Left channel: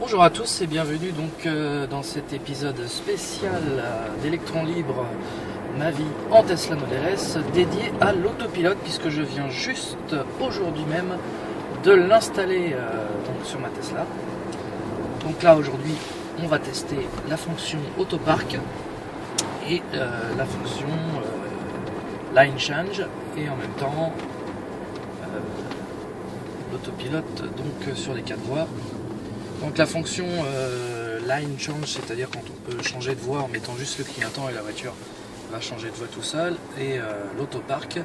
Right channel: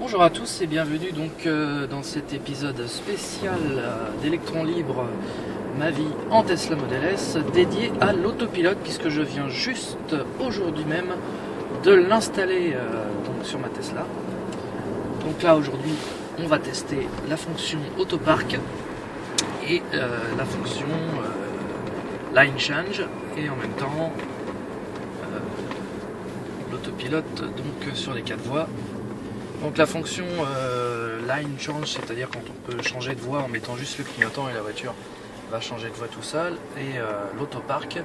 Bonjour à tous et bienvenue donc dans cet épisode spécial d'Electron Libre, ma vie en Tesla Model S, dédié à l'autopilote puisque je viens juste aujourd'hui même de l'installer donc sur ma Tesla. Donc là aujourd'hui on va tester la fonction Autopark et la fonction Line Change et en même temps l'autopilote donc sur les 4 voies. Donc la fonction Line Change, c'est-à-dire quand on peut changer de voie en mettant juste le clignotant et la voiture va changer de voie tout seul. Et l'autopark,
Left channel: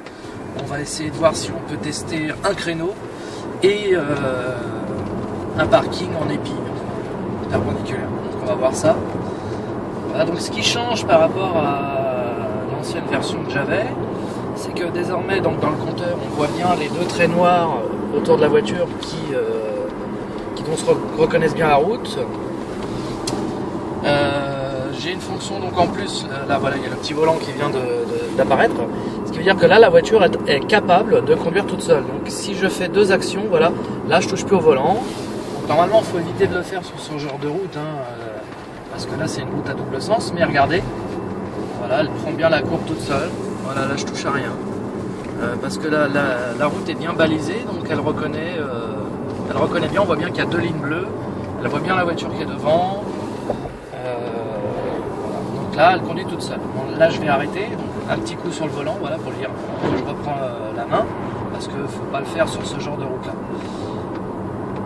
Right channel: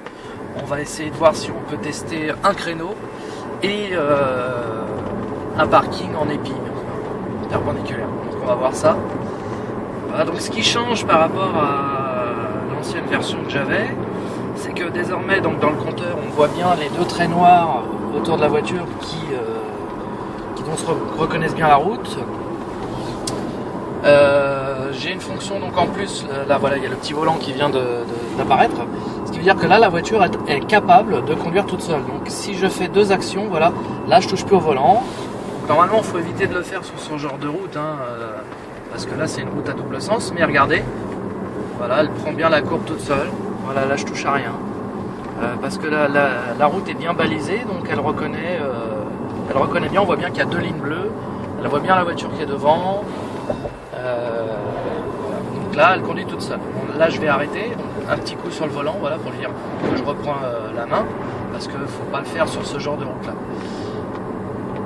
on va essayer de voir si on peut tester un créneau et un parking en épi perpendiculaire. Donc on va voir ça. Voilà, donc ce qui change par rapport à l'ancienne version que j'avais, c'est que désormais donc, dans le compteur on voit bien les deux traits noirs autour de la voiture qui se reconnaissent bien la route. J'ai une fonction donc en plus, là voilà il y a le petit volant qui vient d'apparaître, ce qui veut dire que là la voiture est capable de conduire toute seule. Donc si je fais deux actions, voilà, là je touche plus au volant. Donc, normalement il faut éviter de le faire sur ce genre de route, parce que là c'est une route à double sens, mais regardez, voilà, elle prend bien la courbe toute seule. Voilà, là je touche à rien, parce que la route est bien balisée, donc elle reconnaît bien, on voit bien qu'il y a deux lignes bleues, elle voit bien la voiture qui est devant, donc là elle conduit toute seule. Bon, là je vais arrêter, donc, un petit coup sur le volant, voilà, pour dire que je reprends la main, parce qu'il ne faut pas le faire sur ce genre de route là.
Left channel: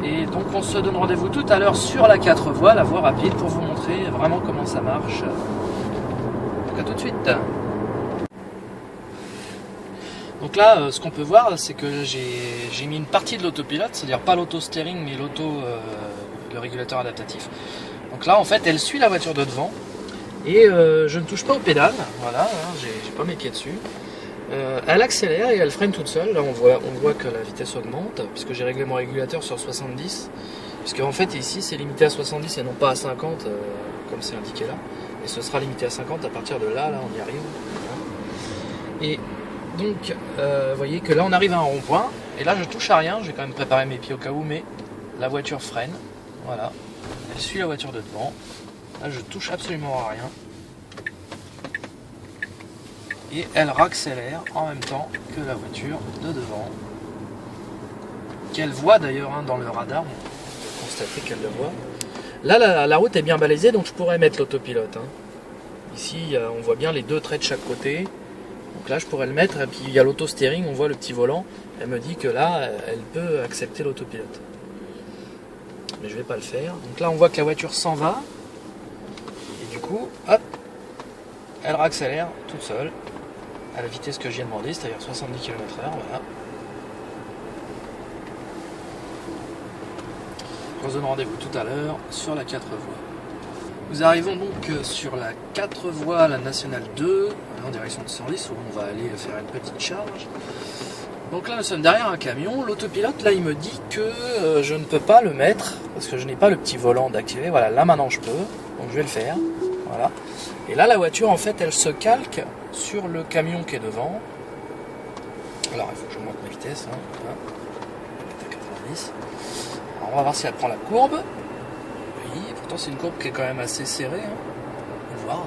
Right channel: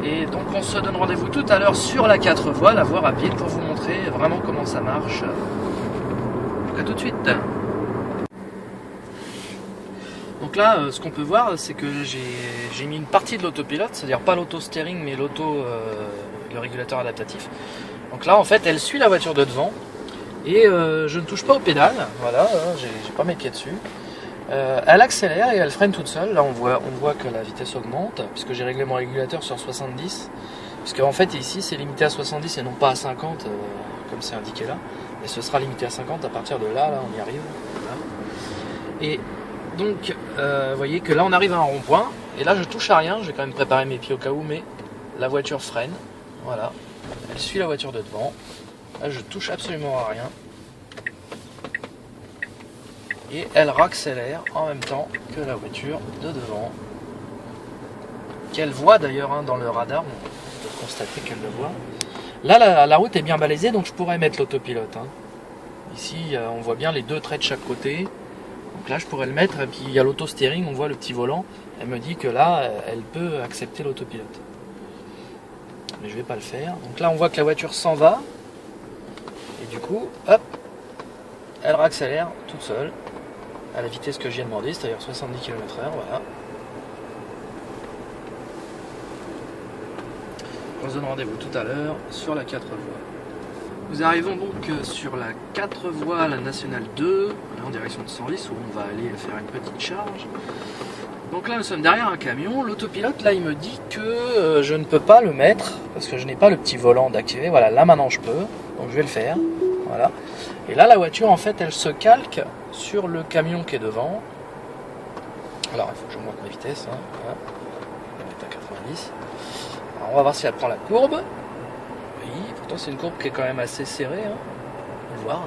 Et donc on se donne rendez-vous tout à l'heure sur la 4 voies, la voie rapide, pour vous montrer vraiment comment ça marche. Donc à tout de suite. Donc là, ce qu'on peut voir, c'est que j'ai mis une partie de l'autopilote, c'est-à-dire pas l'auto-steering, mais le régulateur adaptatif. Donc là, en fait, elle suit la voiture de devant, et je ne touche pas aux pédales, voilà, j'ai pas mes pieds dessus. Elle accélère et elle freine toute seule. Là, on voit que la vitesse augmente, puisque j'ai réglé mon régulateur sur 70, puisque en fait, ici, c'est limité à 70 et non pas à 50, comme c'est indiqué là. Et ce sera limité à 50 à partir de là, on y arrive. Voilà. Et donc, vous voyez que là on arrive à un rond-point, et là je touche à rien, je vais quand même préparer mes pieds au cas où, mais la voiture freine, voilà, elle suit la voiture de devant, là je touche absolument à rien, et elle raccélère en même temps que la voiture de devant, qu'elle voit d'ailleurs dans le radar, on peut constater qu'elle le voit. Là la route est bien balisée, donc je pourrais mettre l'autopilote. Ici on voit bien les deux traits de chaque côté. Donc là je pourrais le mettre, et puis il y a l'auto-steering, on voit le petit volant, elle me dit que là elle peut accepter l'autopilote. Mais je vais pas le faire. Donc là on voit que la voiture s'en va, et du coup, hop, elle raccélère toute seule, à la vitesse que je viens de demander, c'est-à-dire 70 km/h, voilà. On se donne rendez-vous tout à l'heure sur la 4 voies. Nous arrivons donc sur la 4 voies, la nationale 2, en direction de Senlis, où on va aller faire une petite charge. Donc là nous sommes derrière un camion, l'autopilote là il me dit que je ne peux pas le mettre, parce que je n'ai pas le petit volant d'activer. Voilà, là maintenant je peux, donc je vais le faire, voilà. Et là la voiture en fait elle se calque sur le camion qui est devant. Alors il faut que je monte ma vitesse, voilà. Elle est à 90. Alors on va voir si elle prend la courbe. Oui, pourtant c'est une courbe qui est quand même assez serrée, on va voir.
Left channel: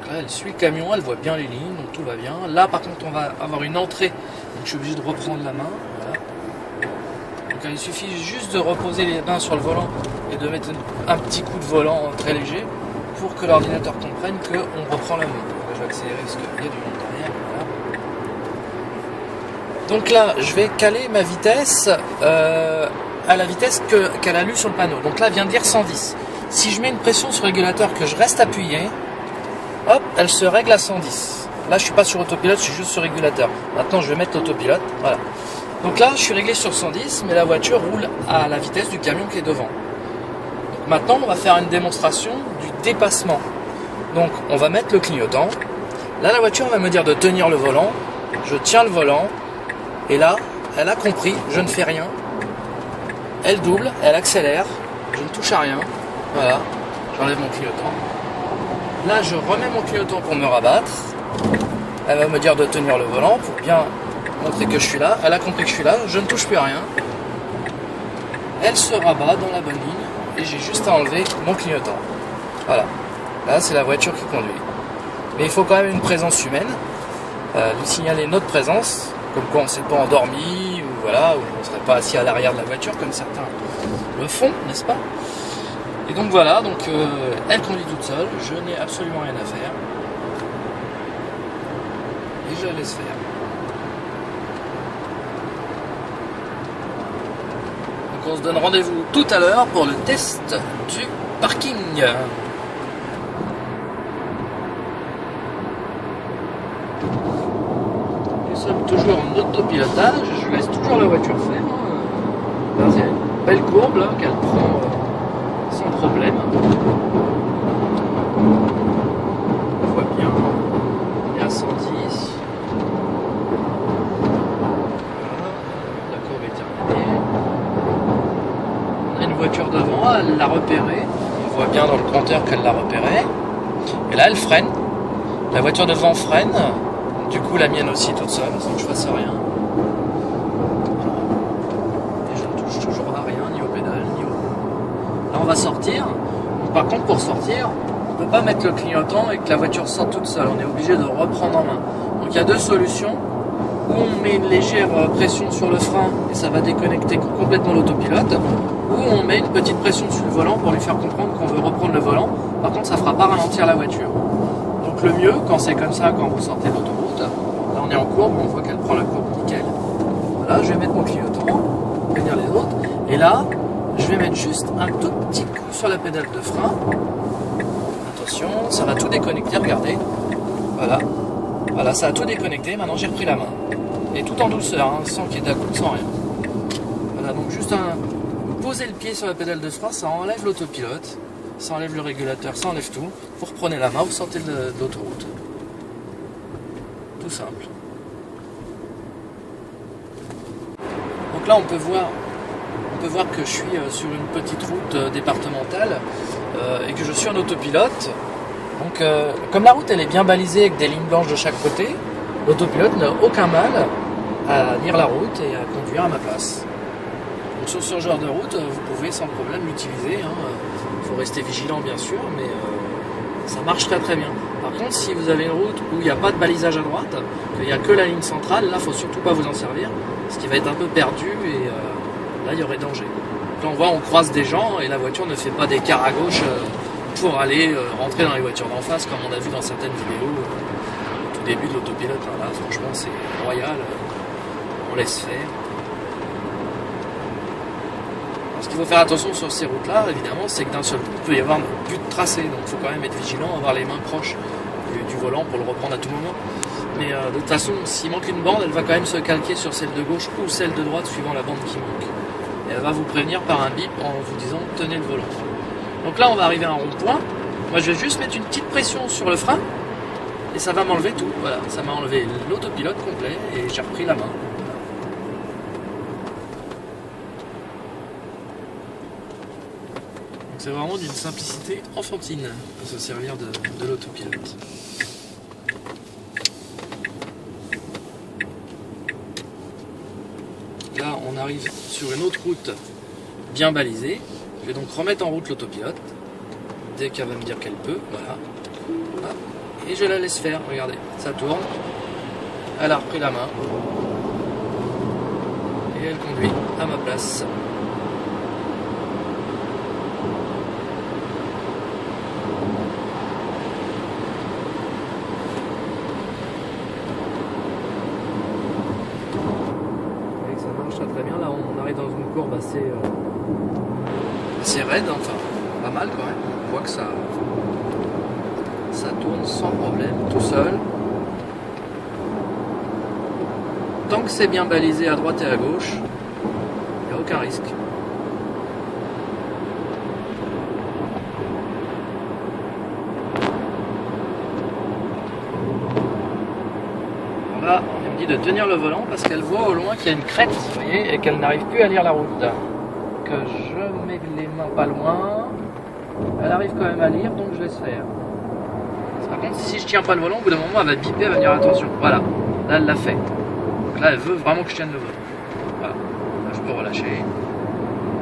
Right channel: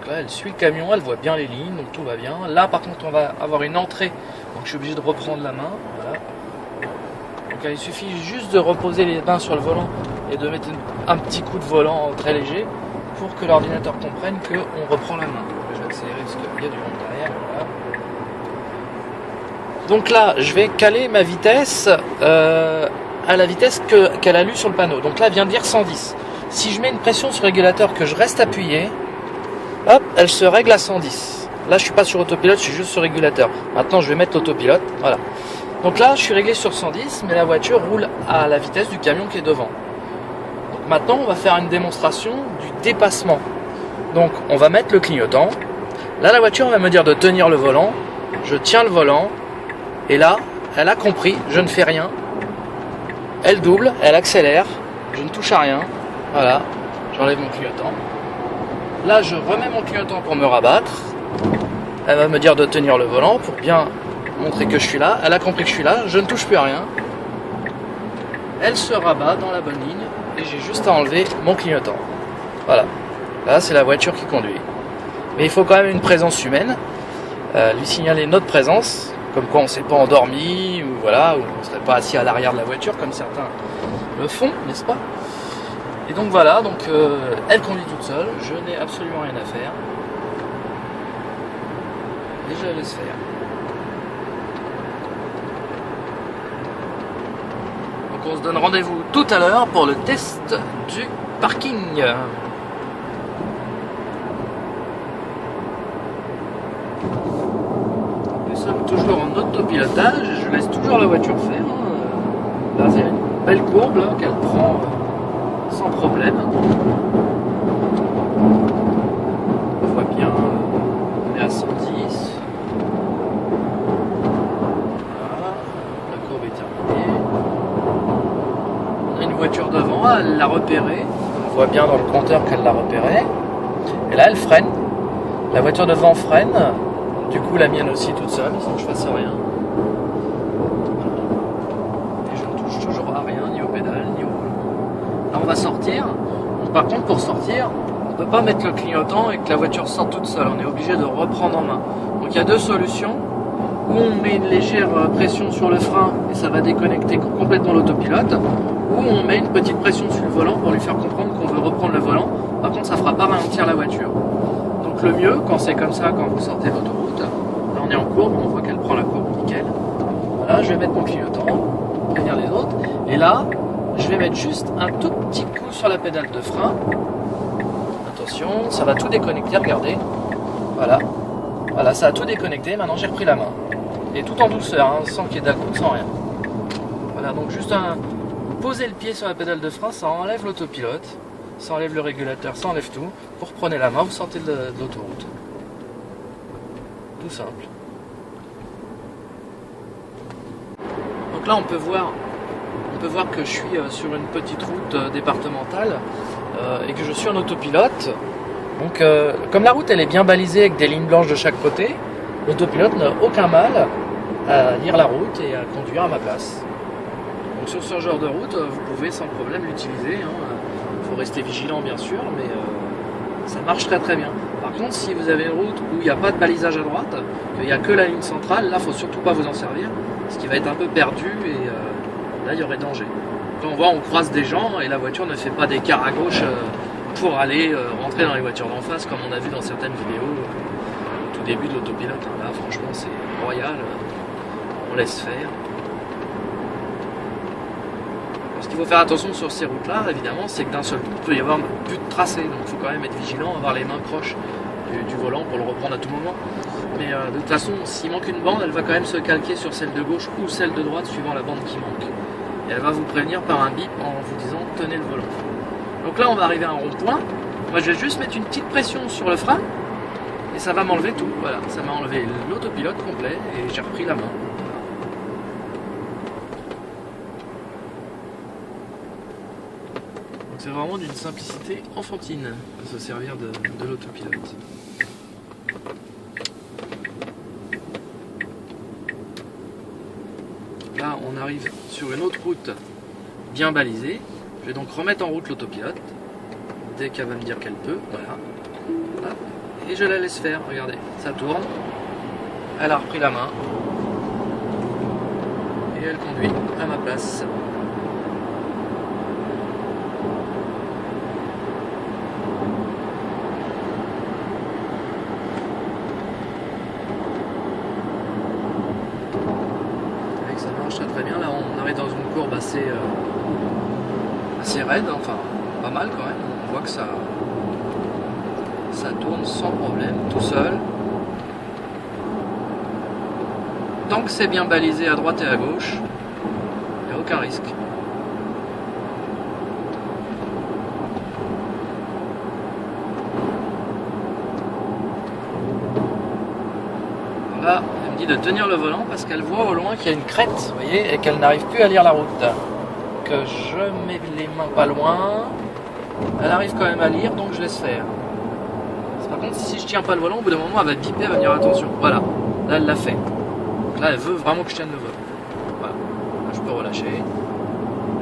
Donc là elle suit le camion, elle voit bien les lignes, donc tout va bien. Là par contre on va avoir une entrée, donc je suis obligé de reprendre la main, voilà. Donc il suffit juste de reposer les mains sur le volant et de mettre un petit coup de volant très léger pour que l'ordinateur comprenne qu'on reprend la main. Donc je vais accélérer parce qu'il y a du monde derrière, voilà. Donc là je vais caler ma vitesse à la vitesse qu'elle a lue sur le panneau. Donc là elle vient de dire 110. Si je mets une pression sur le régulateur, que je reste appuyé, hop, elle se règle à 110. Là je suis pas sur autopilote, je suis juste sur régulateur. Maintenant je vais mettre l'autopilote, voilà. Donc là je suis réglé sur 110, mais la voiture roule à la vitesse du camion qui est devant. Donc maintenant on va faire une démonstration du dépassement. Donc on va mettre le clignotant. Là la voiture va me dire de tenir le volant. Je tiens le volant. Et là, elle a compris, je ne fais rien. Elle double, elle accélère, je ne touche à rien. Voilà, j'enlève mon clignotant. Là, je remets mon clignotant pour me rabattre. Elle va me dire de tenir le volant pour bien montrer que je suis là. Elle a compris que je suis là, je ne touche plus à rien. elle se rabat dans la bonne ligne et j'ai juste à enlever mon clignotant. Voilà, là c'est la voiture qui conduit. Mais il faut quand même une présence humaine, lui signaler notre présence, comme quoi on ne s'est pas endormi, ou voilà, ou on ne serait pas assis à l'arrière de la voiture comme certains le font, n'est-ce pas? Et donc voilà, donc elle conduit toute seule, je n'ai absolument rien à faire. Et je la laisse faire. Donc on se donne rendez-vous tout à l'heure pour le test du parking. Nous sommes toujours en autopilotage et je laisse toujours la voiture faire. Là, c'est une belle courbe là, qu'elle prend sans problème. On voit bien, on est à 110. Voilà, la courbe est terminée. On a une voiture devant, elle l'a repérée. On voit bien dans le compteur qu'elle l'a repérée. Et là, elle freine. La voiture devant freine. Du coup, la mienne aussi toute seule, sans que je fasse rien. Voilà. Et je ne touche toujours à rien, ni au pédale, ni au volant. Là, on va sortir. Donc, par contre, pour sortir, on ne peut pas mettre le clignotant et que la voiture sorte toute seule. On est obligé de reprendre en main. Donc, il y a deux solutions. Ou on met une légère pression sur le frein et ça va déconnecter complètement l'autopilote. Ou on met une petite pression sur le volant pour lui faire comprendre qu'on veut reprendre le volant. Par contre, ça ne fera pas ralentir la voiture. Donc, le mieux, quand c'est comme ça, quand vous sortez de l'autoroute, là on est en courbe, on voit qu'elle prend la courbe nickel. Voilà, je vais mettre mon clignotant, prévenir les autres. Et là, je vais mettre juste un tout petit coup sur la pédale de frein. Attention, ça va tout déconnecter, regardez. Voilà, voilà, ça a tout déconnecté. Maintenant, j'ai repris la main. Et tout en douceur, hein, sans qu'il y ait d'à-coup, sans rien. Voilà, donc juste poser le pied sur la pédale de frein, ça enlève l'autopilote, ça enlève le régulateur, ça enlève tout. Vous reprenez la main, vous sortez de l'autoroute. Tout simple. Donc là on peut voir que je suis sur une petite route départementale et que je suis en autopilote. Donc comme la route elle est bien balisée avec des lignes blanches de chaque côté, l'autopilote n'a aucun mal à lire la route et à conduire à ma place. Donc sur ce genre de route, vous pouvez sans problème l'utiliser. Il faut rester vigilant bien sûr, mais ça marche très très bien. Par contre, si vous avez une route où il n'y a pas de balisage à droite, qu'il n'y a que la ligne centrale, là, il ne faut surtout pas vous en servir, parce qu'il va être un peu perdu et là, il y aurait danger. Là, on voit, on croise des gens et la voiture ne fait pas d'écart à gauche pour aller rentrer dans les voitures d'en face, comme on a vu dans certaines vidéos au tout début de l'autopilote. Là, franchement, c'est royal. On laisse faire. Ce qu'il faut faire attention sur ces routes-là, évidemment, c'est que d'un seul coup, il peut y avoir plus de tracé. Donc il faut quand même être vigilant, avoir les mains proches du volant pour le reprendre à tout moment. Mais de toute façon, s'il manque une bande, elle va quand même se calquer sur celle de gauche ou celle de droite, suivant la bande qui manque. Et elle va vous prévenir par un bip en vous disant « tenez le volant ». Donc là, on va arriver à un rond-point. Moi, je vais juste mettre une petite pression sur le frein et ça va m'enlever tout. Voilà, ça m'a enlevé l'autopilote complet et j'ai repris la main. C'est vraiment d'une simplicité enfantine de se servir de l'autopilote. Là, on arrive sur une autre route bien balisée. Je vais donc remettre en route l'autopilote dès qu'elle va me dire qu'elle peut. Voilà. Et je la laisse faire. Regardez, ça tourne. Elle a repris la main. Et elle conduit à ma place. Très bien, là on arrive dans une courbe assez raide, enfin pas mal quand même. On voit que ça tourne sans problème, tout seul. Tant que c'est bien balisé à droite et à gauche, il n'y a aucun risque. Voilà, elle me dit de tenir le volant parce qu'elle voit au loin qu'il y a une crête, vous voyez, et qu'elle n'arrive plus à lire la route. Que je mets les mains pas loin, elle arrive quand même à lire, donc je laisse faire. Par contre, si je tiens pas le volant, au bout d'un moment, elle va biper, elle va dire attention. Voilà, là elle l'a fait. Donc là, elle veut vraiment que je tienne le volant. Voilà, là, je peux relâcher.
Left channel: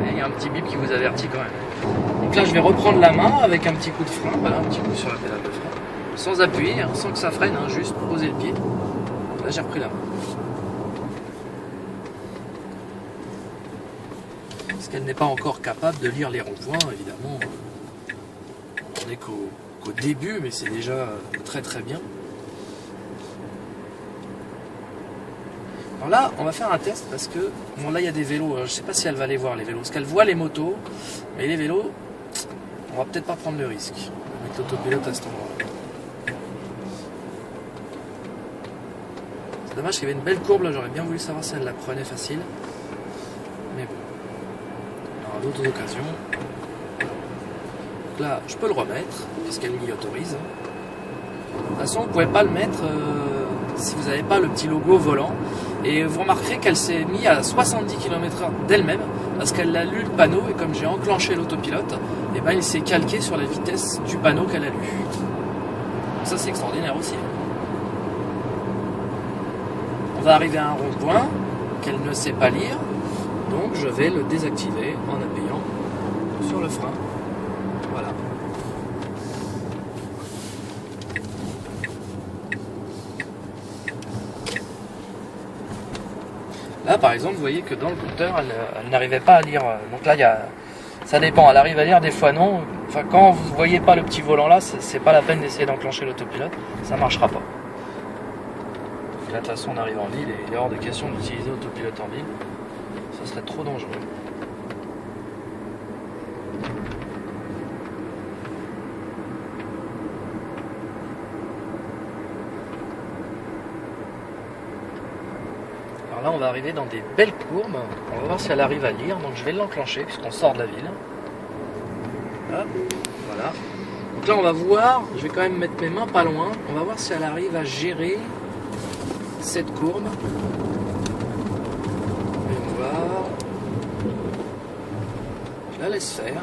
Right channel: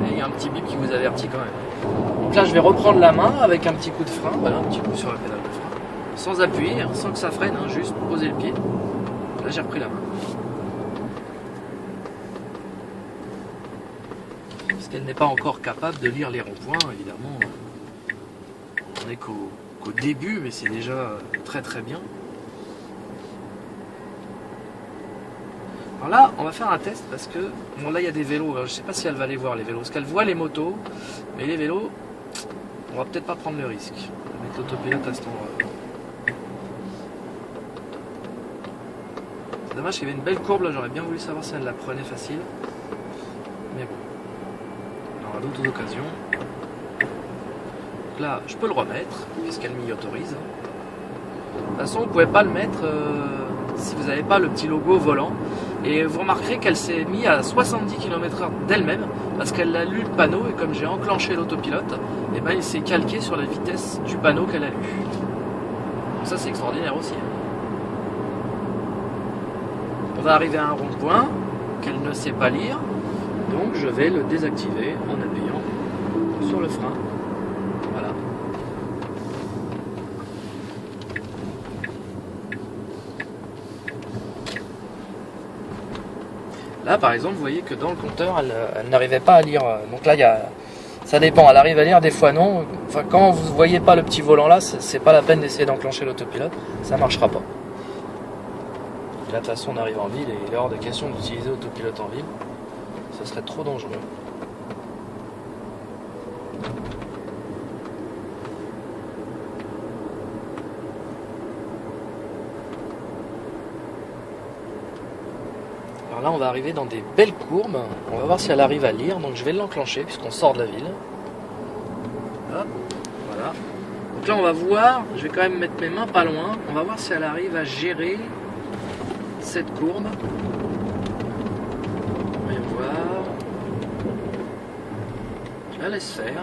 Et y a un petit bip qui vous avertit quand même. Donc là je vais reprendre la main avec un petit coup de frein, voilà, un petit coup sur la pédale de frein, sans appuyer, hein, sans que ça freine, hein, juste poser le pied. Là j'ai repris la main. Parce qu'elle n'est pas encore capable de lire les ronds-points, évidemment. On n'est qu'au début, mais c'est déjà très très bien. Alors là, on va faire un test parce que, bon là il y a des vélos, alors, je ne sais pas si elle va les voir les vélos, parce qu'elle voit les motos, mais les vélos, on va peut-être pas prendre le risque avec l'autopilote à cet endroit. C'est dommage qu'il y avait une belle courbe là, j'aurais bien voulu savoir si elle la prenait facile. Mais bon, on aura d'autres occasions. Donc là, je peux le remettre, puisqu'elle m'y autorise. De toute façon, vous ne pouvez pas le mettre si vous n'avez pas le petit logo volant. Et vous remarquerez qu'elle s'est mise à 70 km/h d'elle-même, parce qu'elle a lu le panneau, et comme j'ai enclenché l'autopilote, et ben il s'est calqué sur la vitesse du panneau qu'elle a lu. Ça c'est extraordinaire aussi. On va arriver à un rond-point qu'elle ne sait pas lire, donc je vais le désactiver en appuyant sur le frein. Voilà. Là par exemple vous voyez que dans le compteur elle n'arrivait pas à lire, donc là ça dépend, elle arrive à lire, des fois non. Enfin quand vous voyez pas le petit volant là, c'est pas la peine d'essayer d'enclencher l'autopilote, ça marchera pas. Et là de toute façon on arrive en ville et il est hors de question d'utiliser l'autopilote en ville, ce serait trop dangereux. Là on va arriver dans des belles courbes, on va voir si elle arrive à lire, donc je vais l'enclencher puisqu'on sort de la ville. Hop, voilà. Donc là on va voir, je vais quand même mettre mes mains pas loin, on va voir si elle arrive à gérer cette courbe. Voyons voir. Je la laisse faire.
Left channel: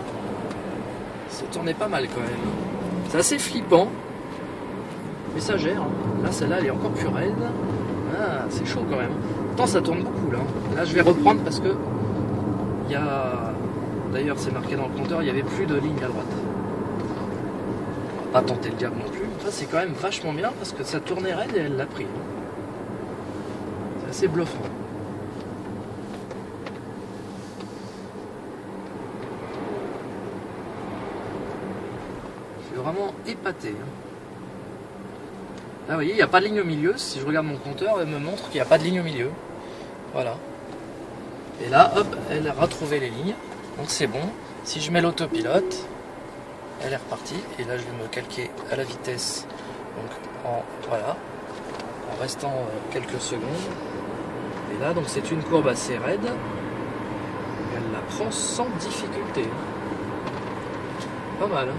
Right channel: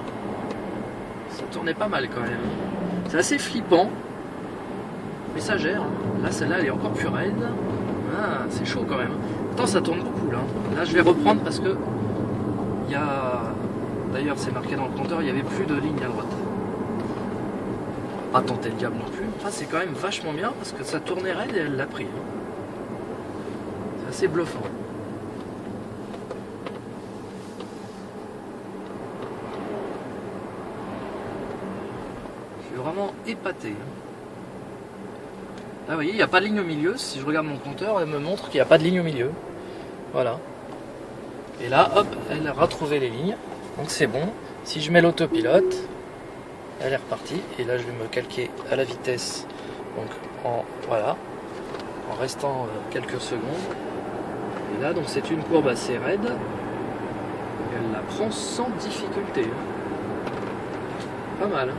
Ça tournait pas mal quand même. C'est assez flippant, mais ça gère. Là celle-là elle est encore plus raide. Ah, c'est chaud quand même. Pourtant ça tourne beaucoup là. Là je vais reprendre parce que il y a, d'ailleurs c'est marqué dans le compteur, il n'y avait plus de ligne à droite. On va pas tenter le diable non plus. Enfin c'est quand même vachement bien parce que ça tournait raide et elle l'a pris. C'est assez bluffant. Je suis vraiment épaté. Là vous voyez, il n'y a pas de ligne au milieu. Si je regarde mon compteur, elle me montre qu'il n'y a pas de ligne au milieu. Voilà. Et là, hop, elle a retrouvé les lignes. Donc c'est bon. Si je mets l'autopilote, elle est repartie. Et là, je vais me calquer à la vitesse. Donc voilà, en restant quelques secondes. Et là, donc c'est une courbe assez raide. Elle la prend sans difficulté. Pas mal.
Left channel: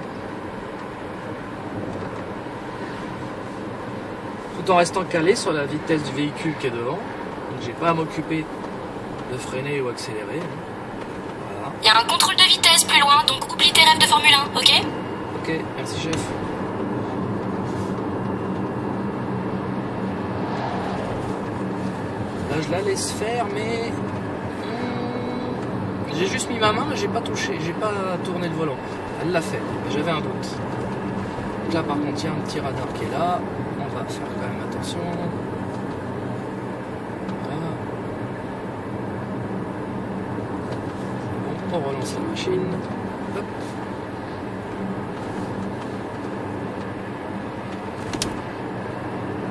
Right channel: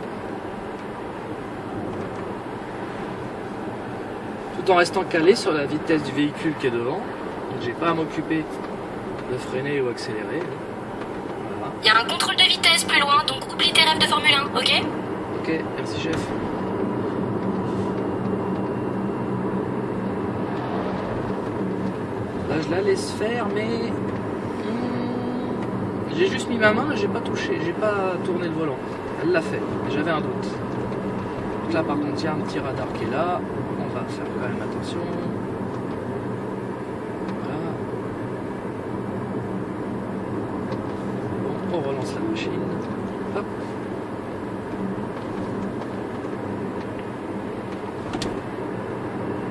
Tout en restant calé sur la vitesse du véhicule qui est devant. Donc j'ai pas à m'occuper de freiner ou accélérer. Voilà. Il y a un contrôle de vitesse plus loin, donc oublie tes rêves de Formule 1, ok? Ok, merci chef. Là je la laisse faire, mais j'ai juste mis ma main et j'ai pas touché, j'ai pas tourné le volant. Elle l'a fait, j'avais un doute. Donc là par contre il y a un petit radar qui est là, on va faire quand même attention. Voilà. Bon, on relance la machine. Hop.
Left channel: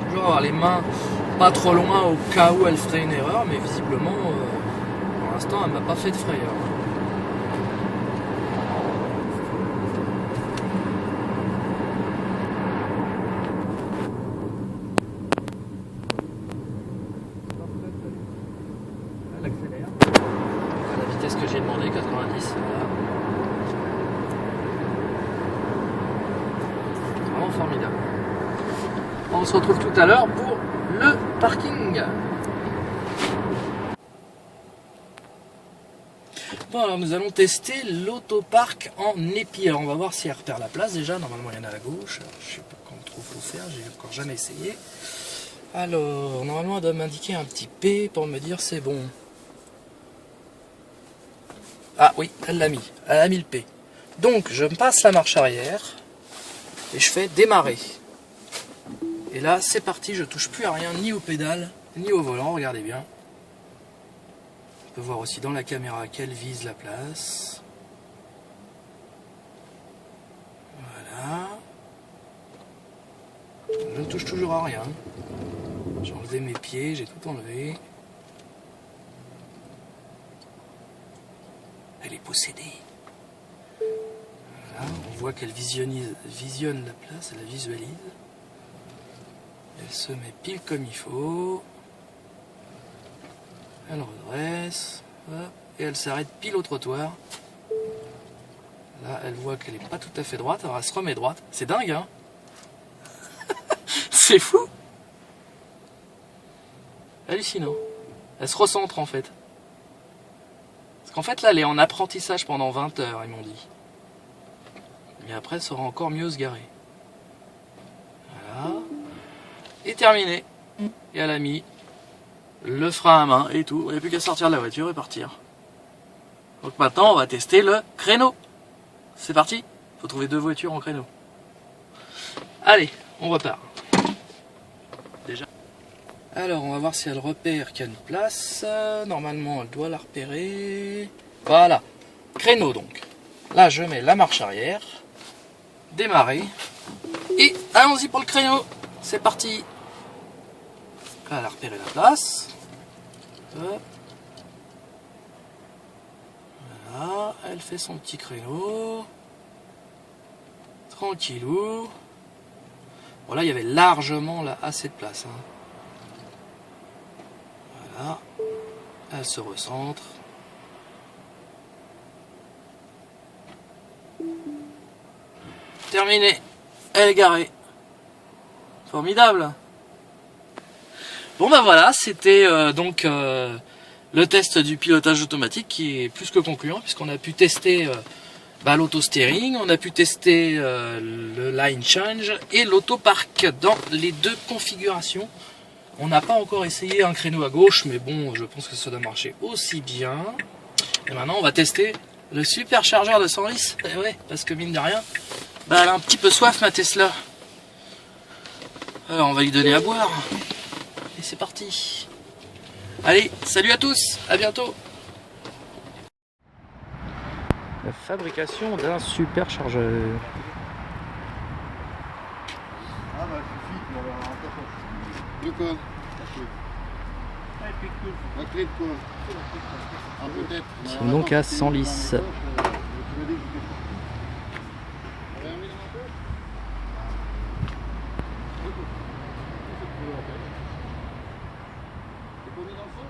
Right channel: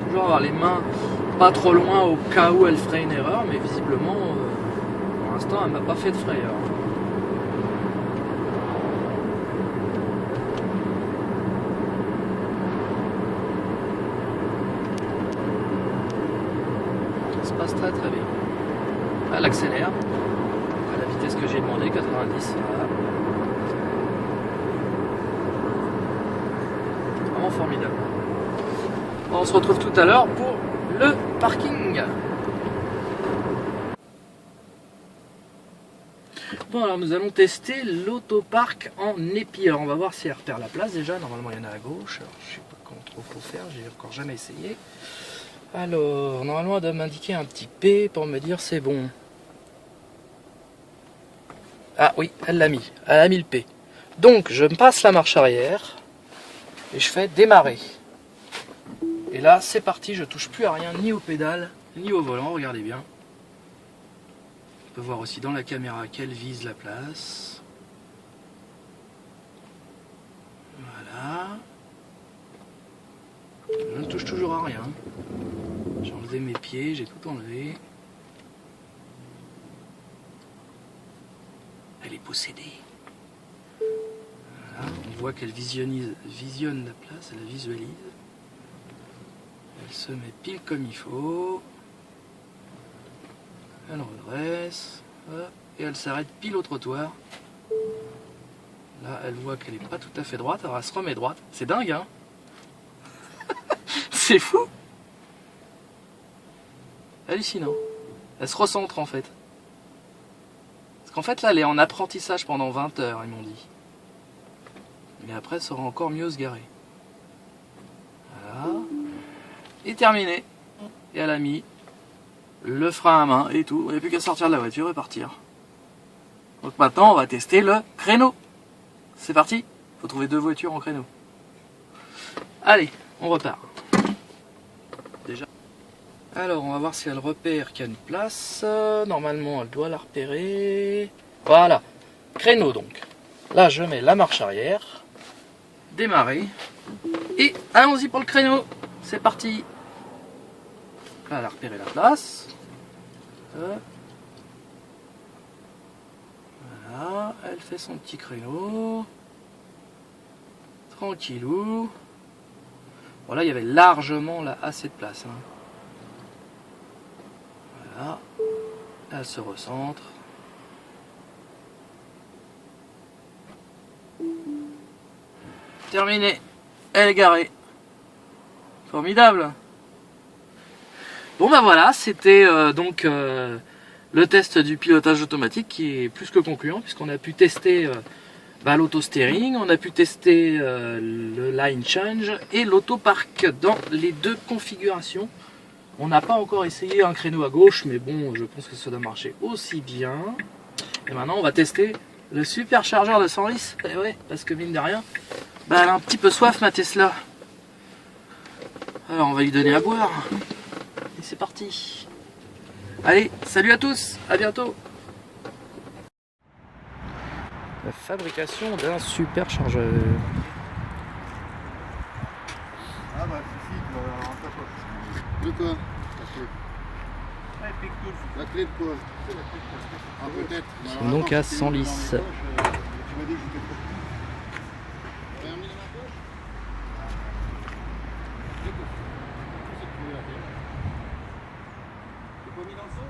Toujours avoir les mains pas trop loin au cas où elle ferait une erreur, mais visiblement pour l'instant elle m'a pas fait de frayeur. Ça se passe très très bien. Elle accélère à la vitesse que j'ai demandé, 90. Voilà. Vraiment formidable. On se retrouve tout à l'heure pour le parking. Bon, alors nous allons tester l'autopark en épi. Alors on va voir si elle repère la place déjà. Normalement il y en a à gauche. Alors, je sais pas comment trop faut faire, j'ai encore jamais essayé. Alors normalement elle doit m'indiquer un petit P pour me dire c'est bon. Ah oui, elle l'a mis. Elle a mis le P. Donc je me passe la marche arrière et je fais démarrer. Et là c'est parti, je touche plus à rien, ni aux pédales, ni au volant, regardez bien. On peut voir aussi dans la caméra qu'elle vise la place. Voilà. Je ne touche toujours à rien. J'ai enlevé mes pieds, j'ai tout enlevé. Elle est possédée. Voilà, on voit qu'elle visionne la place, elle la visualise. Elle se met pile comme il faut. Elle redresse. Hop, et elle s'arrête pile au trottoir. Là, elle voit qu'elle n'est pas tout à fait droite, alors elle se remet droite. C'est dingue, hein? C'est fou! Hallucinant. Elle se recentre en fait. Parce qu'en fait là elle est en apprentissage pendant 20 heures, ils m'ont dit. Mais après elle saura encore mieux se garer. Voilà. Et terminé. Et elle a mis le frein à main et tout. Il n'y a plus qu'à sortir de la voiture et partir. Donc maintenant on va tester le créneau. C'est parti. Faut trouver 2 voitures en créneau. Allez, on repart. Déjà. Alors on va voir si elle repère qu'il y a une place. Normalement elle doit la repérer. Voilà. Créneau donc. Là je mets la marche arrière. Démarrer. Et allons-y pour le créneau. C'est parti. Là elle a repéré la place. Voilà. Elle fait son petit créneau. Tranquillou. Bon là il y avait largement là, assez de place. Hein. Voilà. Elle se recentre. Terminé. Elle est garée. Formidable. Bon bah voilà, c'était donc le test du pilotage automatique qui est plus que concluant puisqu'on a pu tester l'auto-steering, on a pu tester le line change et l'auto-park dans les 2 configurations. On n'a pas encore essayé un créneau à gauche, mais bon, je pense que ça doit marcher aussi bien. Et maintenant, on va tester le superchargeur de 110. Eh ouais, parce que mine de rien, bah, elle a un petit peu soif, ma Tesla. Alors, on va lui donner à boire. Et c'est parti. Allez, salut à tous, à bientôt. La fabrication d'un superchargeur. Ah bah suffit, en tapoche. De quoi? La clé de quoi? Ah peut-être. Nous sommes donc à Senlis. C'est pas mis dans le son?